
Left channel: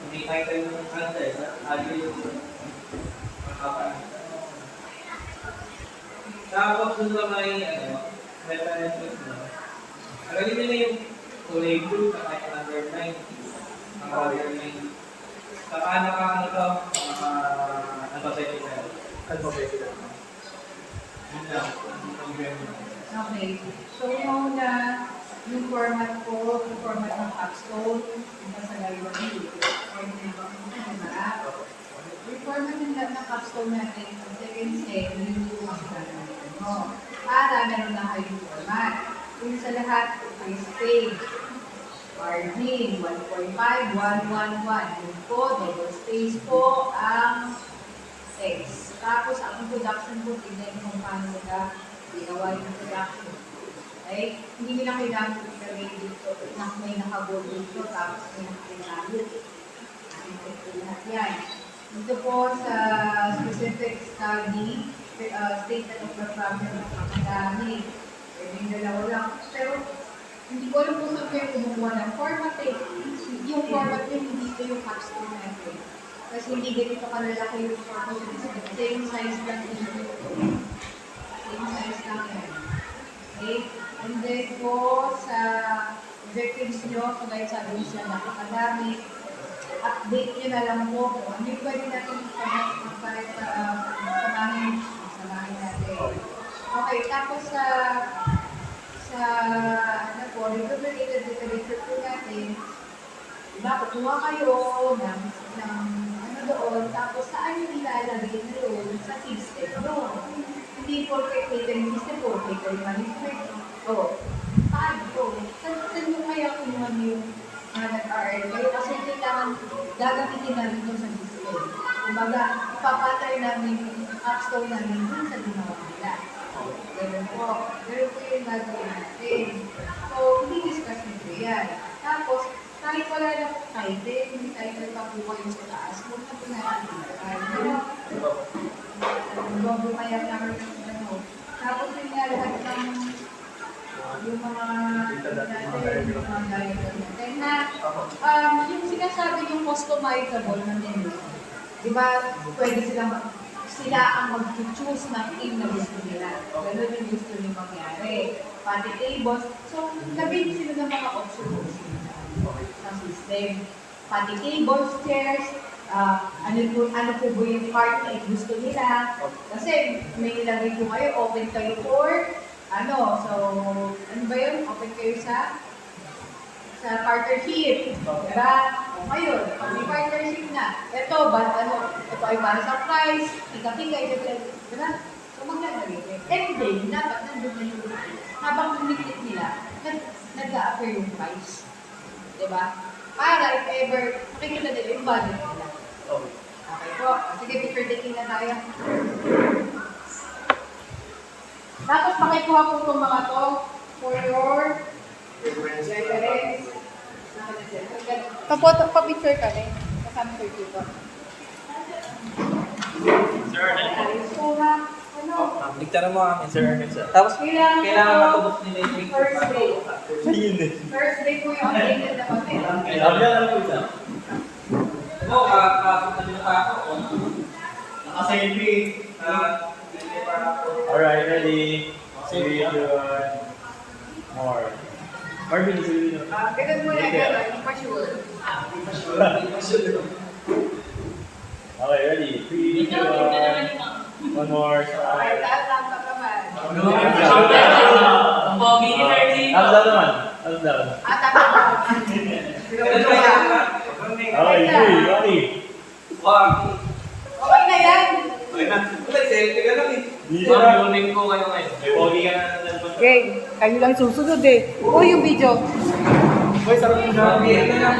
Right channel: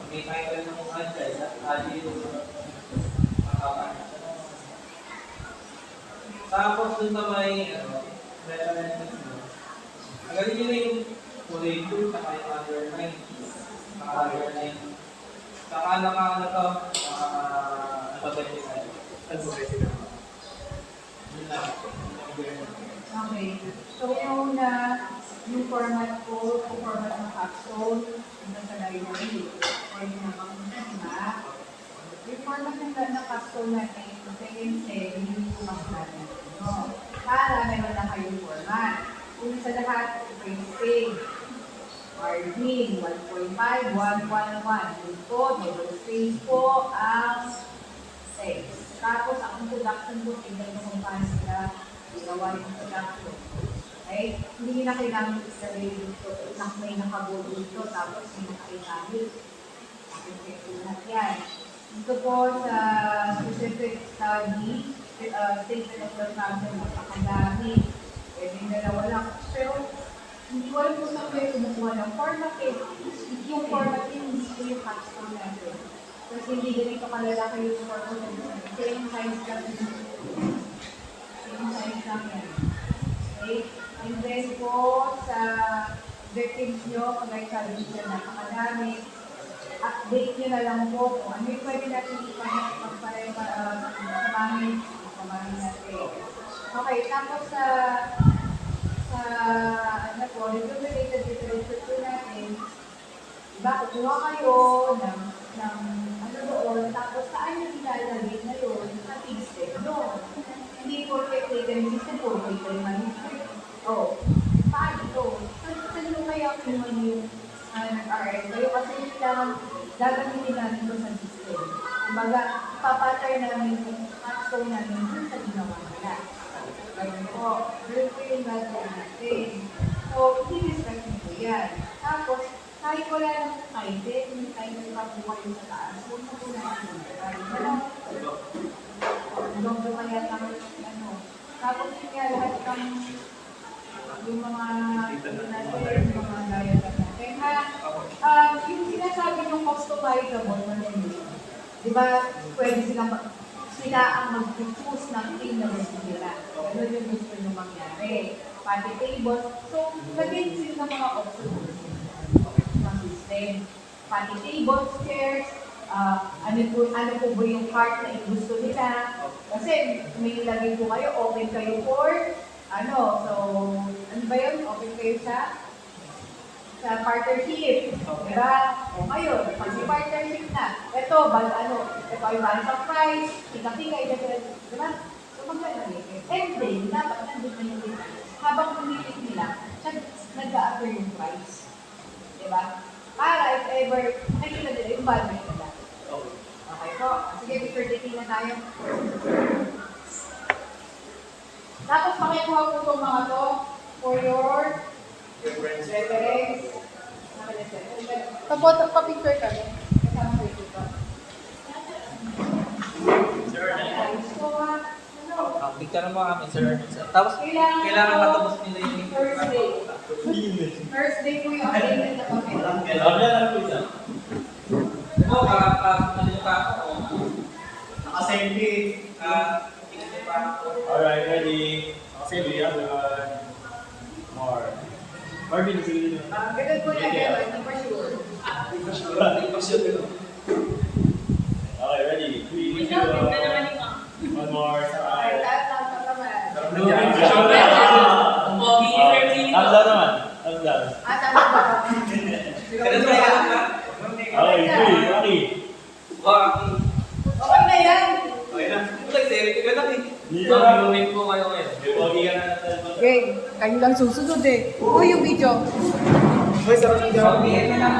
May title ng answer, agile yung makapan. Tapos dun sa may references mo, agalin nyo na yung kulay blue, saka yung underline. Underline. Saka ano to, alphabetical. alphabetical. Yun lang. Yung grammar. Okay. So, yung format ko, yung format ng capstone, yung sa library, yung format ng capstone natin, ang second step, yung ang para meron na kayong format. Kung sa lahat, first page, margin, 1.5, 111. Yun po, double space po ang text. Tapos, ang introduction po, tignan mo kung paano sila ginawa yung introduction. Okay? Hindi nyo na kailangan ilagay dito, may nakabold dito, tapos may nakailangan. Lahat yan. Dito po sa specific study, statement of the problem ng akadami. Pwede yung dalawa lang. Pero, hindi ko alam kung saan kayo kumukuha ng format eh. Yung format eh, hindi ko yung capstone natin. Kasi hindi ganito kalalaki yung format natin. Same size lang dito. Same size lang yan. Okay? And then po, sa objectives nyo, kagaya sabi nyo sila napakadami, update nyo na lang po kung ano yung pwede natin samahin natin. Okay, tapos sa ano po, related literature po natin, diba, kukuha kayo ng ano doon, tapos saan yung ilalagay na yun sa system doon. Hindi po kay catering system po, catering management. So, paano po? Saan yung kayo kinuha yung nag-RL kayo? Kasi kailangan gagamitin namin doon sa system. Kumbaga, ipapatay namin yung capstone namin doon sa ginawa nila. Ganun po. Ganun po yung gagawin natin. So, i-discuss nito yan. Tapos, kahit wala ng title, may title pa po kayo sa taas. Huwag na po natin huwag po kaya namin ng ano. Tapos, yung nga lahat ng yung mga natin, yung mga diagram natin. Yung sinasabi yung customizable na menu. Di ba, pwede sila ang mag-choose ng team na gusto nila. Ganun yung gusto nyo mangyari. Pati tables. So, lagay sila ng mga options ng system. Pati tables, chairs, ano po ba yung part na gusto nila. Kasi may nilagay po kayo, open kayo for so, ano ba yun? Open kayo sa partnership. Diba? O ngayon, pag partnership na, ito ay para sa price, ika-ika, diba? Kung maglalagay kayo. And then, dapat nandun na yung habang kumikit nila, nag-a-appear yung price. Diba? Para if ever, nakikita nila yung budget nila. Okay po. Sige, picture taking na tayo. Tapos makikuha po itong mga to for your reference. Pa-picture kami. Kasama ko dito. Sir, So, picture mo kami, Sir Ernest. Tapos, kailangan matubos nila yung picture. First day. First day po yung updated na papel. Oo, kakapasok na pa ako. Naka-selfie. Hindi pa ako. Alright, ready? Three, two, one. More. Marvin, sige dito. Ganun muna, ganun. Hindi pa sure. Okay, ready? Three, two, one. One more. Okay, tapos lang naman. Ang pogi ni Sir Gino. Thumbs down naman. Thumbs down. Tama ba? Ganun ba yan? Okay, three, ready? Okay na yan. Selfie ka lang eh. Dito na. Blooming po kayo ngayon. May pogi ka na ng Okay, kayo lang susunod eh. Oo, yung video. Boy, sarap ng Okay, ano lang,